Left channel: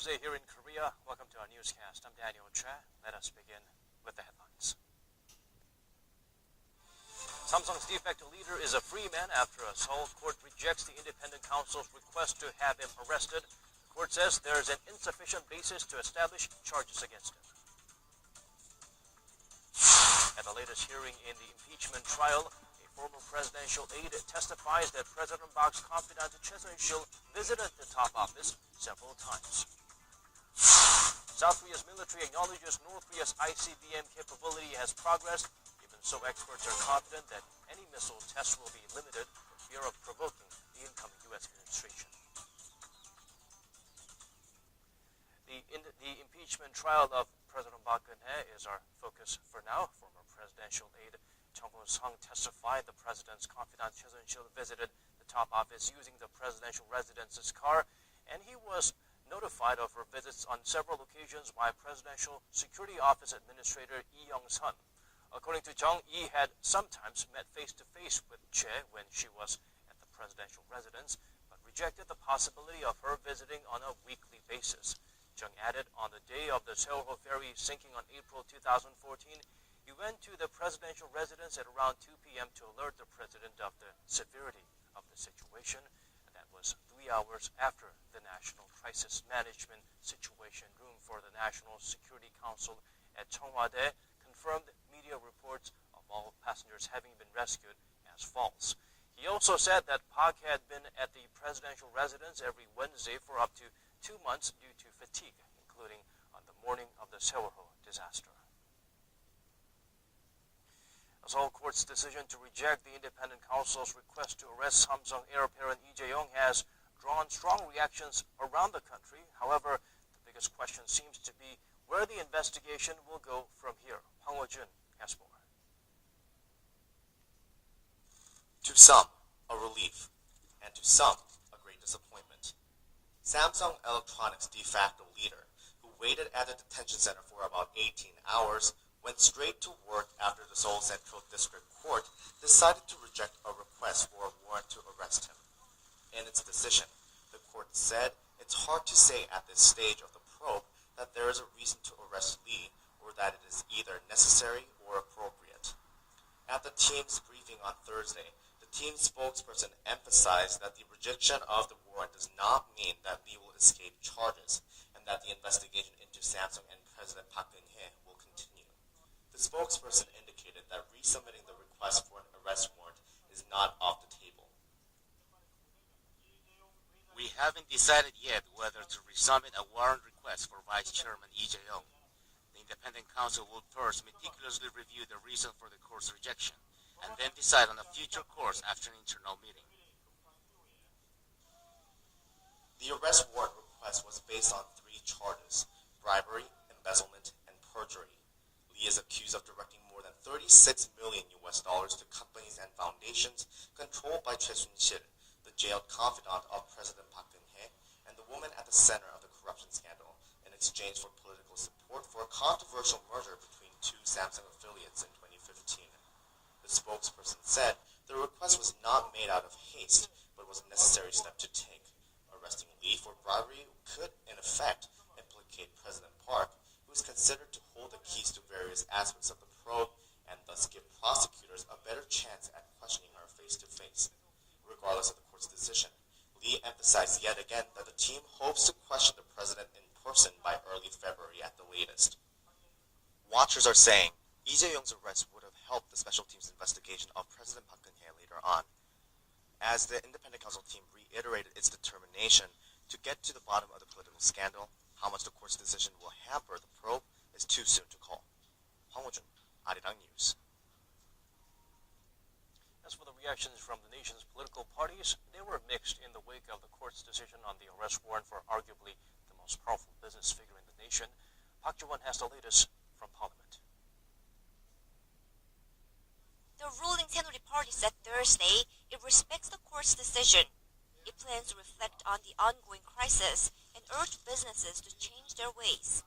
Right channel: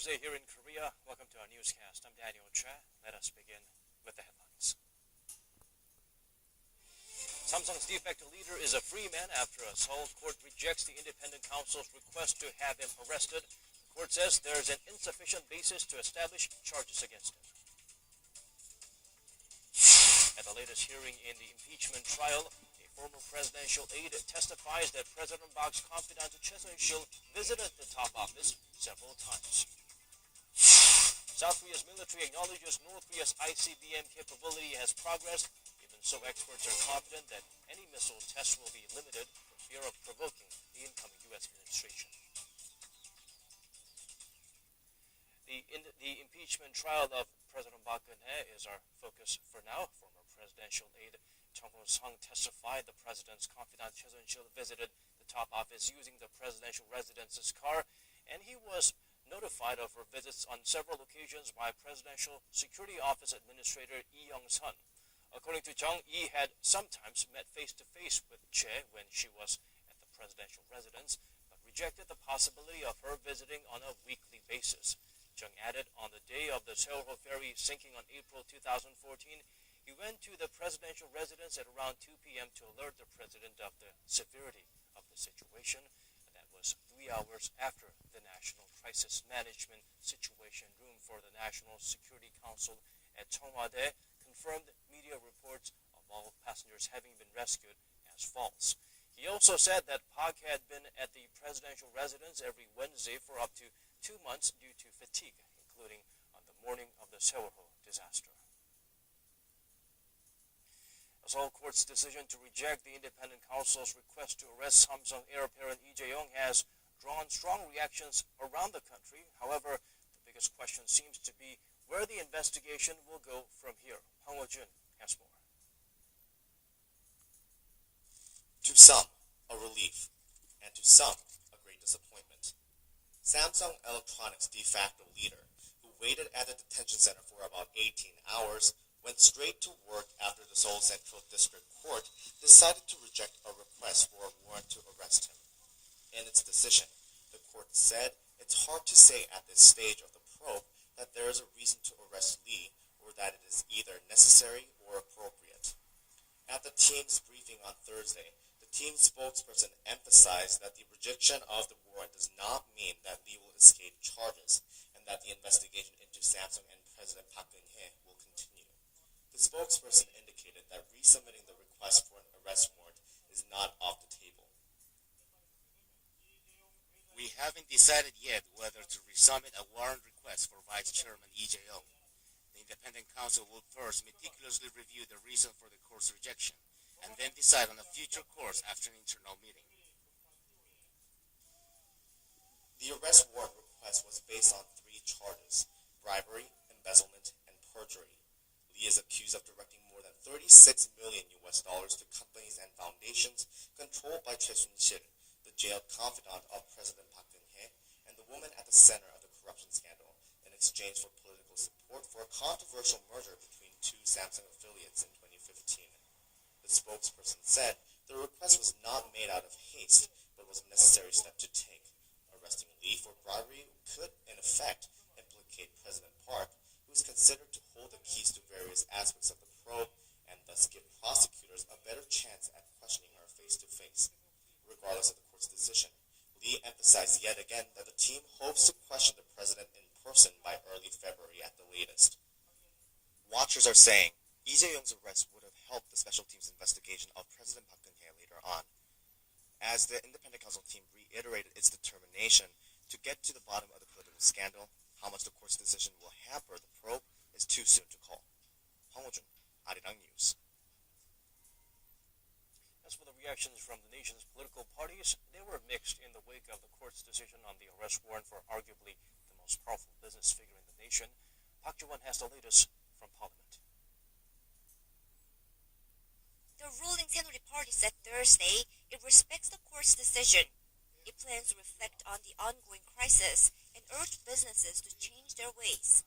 Tuesday here in Korea. Welcome to our newscast. I'm Daniel Cha. Let us begin with the headlines. Samsung's de facto leader is a free man after a Seoul court rejects the independent counsel's request to have him arrested. The court says there is an insufficient basis to establish charges against him. At the latest hearing in the impeachment trial, a former presidential aide testifies that President Park's confidant Choi Soon-sil visited the top office several times. South Korea's military acknowledges North Korea's ICBM capability has progressed. Even so, experts are confident that any missile test will be limited for fear of provoking the incoming U.S. administration. The impeachment trial of President Park Geun-hye is our focus for now. Former presidential aide Chung Ho-sung testified the president's confidant Choi Soon-sil visited the top office using the presidential residence's car, and he was notified of her visits on several occasions by Presidential Security Office Administrator Lee Young-sun. According to Chung, Lee had sometimes met face-to-face with Choi when she was at the presidential residence, but rejected the possibility of her visiting on a weekly basis. Chung added on the day of the Seoul ferry sinking on April 2014, he went to the presidential residence at around 2 p.m. to alert the president of the severity of the situation. Was 3 hours after the National Crisis Management Situation Room for the National Security Council at Cheongwade confirmed media reports of all passengers having been rescued as false. He also said that Park had been at the presidential residence every Wednesday for up to 2 months due to fatigue, including on the morning of the Seoul disaster. The Seoul court's decision to reject the independent counsel's request to arrest Samsung heir apparent Lee Jae-yong has drawn strong reactions around the country. However, the biggest question seems to be where the investigation will go from here. Hwang Ho-jun has more. To some, a relief, and to some, a great disappointment. Samsung Electronics de facto leader, who waited at the detention center for about 18 hours, went straight to work after the Seoul Central District Court decided to reject a request for a warrant to arrest him. In its decision, the court said it's hard to say at this stage of the probe that there is a reason to arrest Lee or that it is either necessary or appropriate. At the team's briefing on Thursday, the team spokesperson emphasized that the rejection of the warrant does not mean that Lee will escape charges and that the investigation into Samsung and President Park Geun-hye will continue. The spokesperson indicated that resubmitting the request for an arrest warrant is not off the table. We haven't decided yet whether to resubmit a warrant request for Vice Chairman Lee Jae-yong. The independent counsel will first meticulously review the reason for the court's rejection and then decide on a future course after an internal meeting. The arrest warrant request was based on 3 charges: bribery, embezzlement, and perjury. Lee is accused of directing more than $36 million to companies and foundations controlled by Choi Soon-sil, the jailed confidant of President Park Geun-hye, and the woman at the center of the corruption scandal, in exchange for political support for a controversial merger between 2 Samsung affiliates in 2015. The spokesperson said the request was not made out of haste, but was a necessary step to take. Arresting Lee for bribery could, in effect, implicate President Park, who is considered to hold the keys to various aspects of the probe and thus give prosecutors a better chance at questioning her face-to-face. Regardless of the court's decision, Lee emphasized yet again that the team hopes to question the president in person by early February at the latest. Watchers are saying Lee Jae-yong's arrest would have helped the special team's investigation of President Park Geun-hye later on. As the independent counsel team reiterated its determination to get to the bottom of the political scandal, how much the court's decision will hamper the probe is too soon to call. Hwang Ho-jun, Arirang News. As for the reactions from the nation's political parties, they were mixed in the wake of the court's decision on the arrest warrant for arguably the most powerful business figure in the nation. Park Ji-won has the latest from Parliament. The ruling Saenuri Party said Thursday it respects the court's decision. It plans to reflect on the ongoing crisis and urge businesses to change their ways.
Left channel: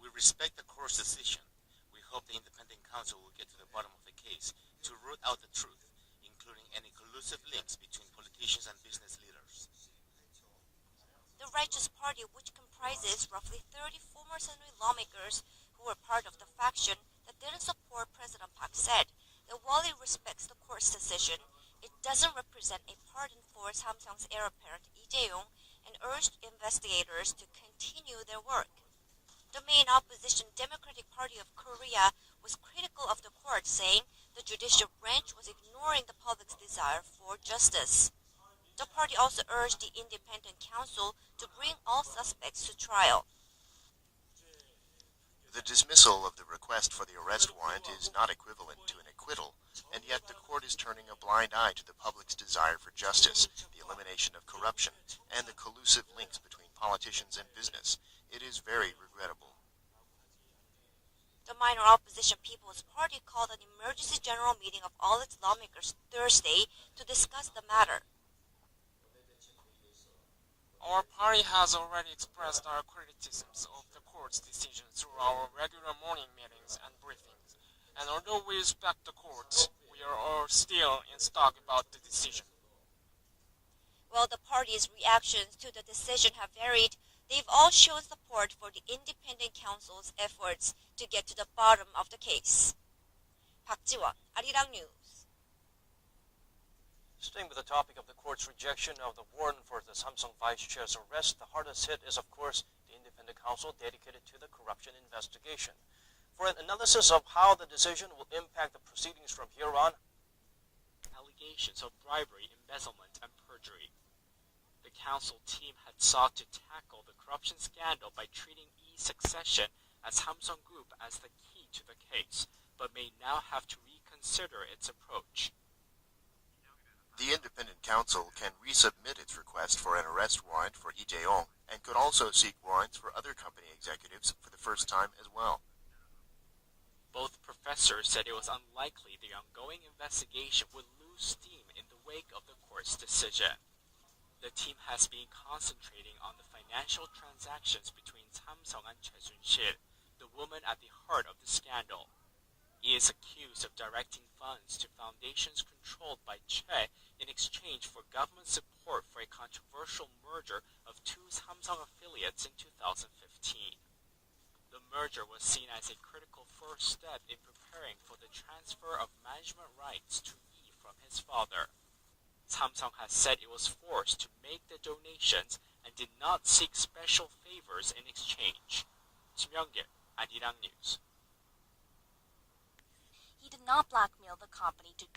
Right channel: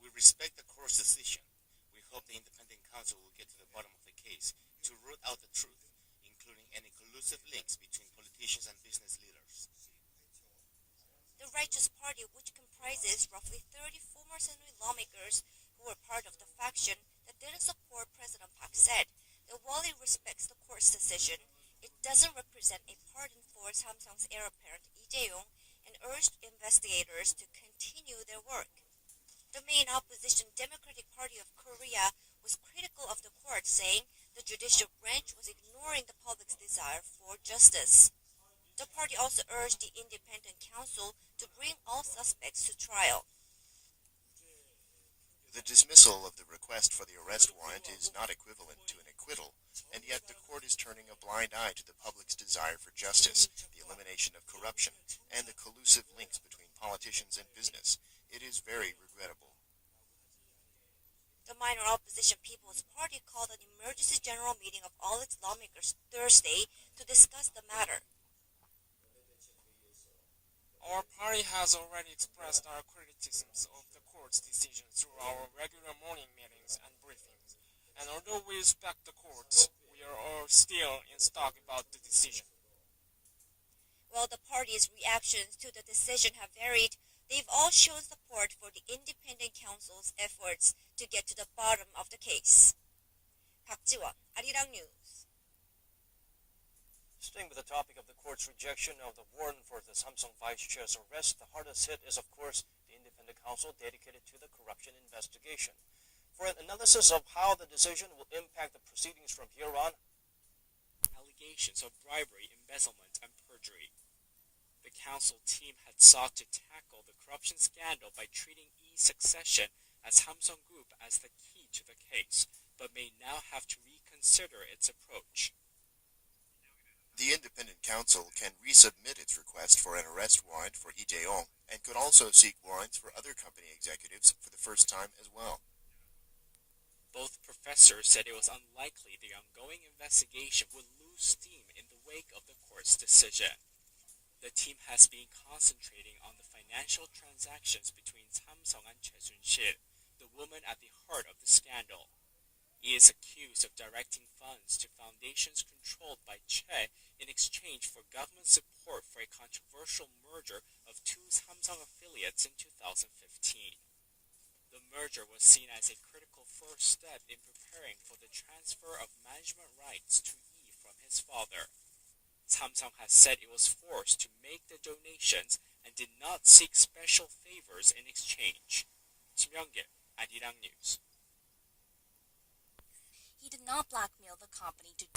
We respect the court's decision. We hope the independent counsel will get to the bottom of the case to root out the truth, including any collusive links between politicians and business leaders. The Righteous Party, which comprises roughly 30 former Senate lawmakers who were part of the faction that didn't support President Park, said that while it respects the court's decision, it doesn't represent a pardon for Samsung's heir apparent Lee Jae-yong and urged investigators to continue their work. The main opposition Democratic Party of Korea was critical of the court, saying the judicial branch was ignoring the public's desire for justice. The party also urged the independent counsel to bring all suspects to trial. The dismissal of the request for the arrest warrant is not equivalent to an acquittal, and yet the court is turning a blind eye to the public's desire for justice, the elimination of corruption, and the collusive links between politicians and business. It is very regrettable. The minor opposition People's Party called an emergency general meeting of all its lawmakers Thursday to discuss the matter. Our party has already expressed our criticisms of the court's decision through our regular morning meetings and briefings, and although we respect the court, we are all still in stock about the decision. While the party's reactions to the decision have varied, they've all shown support for the independent counsel's efforts to get to the bottom of the case. 박지원, 아리랑 뉴스. Staying with the topic of the court's rejection of the warrant for the Samsung vice chair's arrest, the hardest hit is, of course, the independent counsel dedicated to the corruption investigation. For an analysis of how the decision will impact the proceedings from here on, allegations of bribery, embezzlement, and perjury. The counsel team had sought to tackle the corruption scandal by treating e-succession as Samsung Group as the key to the case, but may now have to reconsider its approach. The independent counsel can resubmit its request for an arrest warrant for Lee Jae-yong and could also seek warrants for other company executives for the first time as well. Both professors said it was unlikely the ongoing investigation would lose steam in the wake of the court's decision. The team has been concentrating on the financial transactions between Samsung and Choi Soon-sil, the woman at the heart of the scandal. He is accused of directing funds to foundations controlled by Choi in exchange for government support for a controversial merger of two Samsung affiliates in 2015. The merger was seen as a critical first step in preparing for the transfer of management rights to Lee from his father. Samsung has said it was forced to make the donations and did not seek special favors in exchange. 김영길, 아리랑 뉴스. He did not blackmail the company to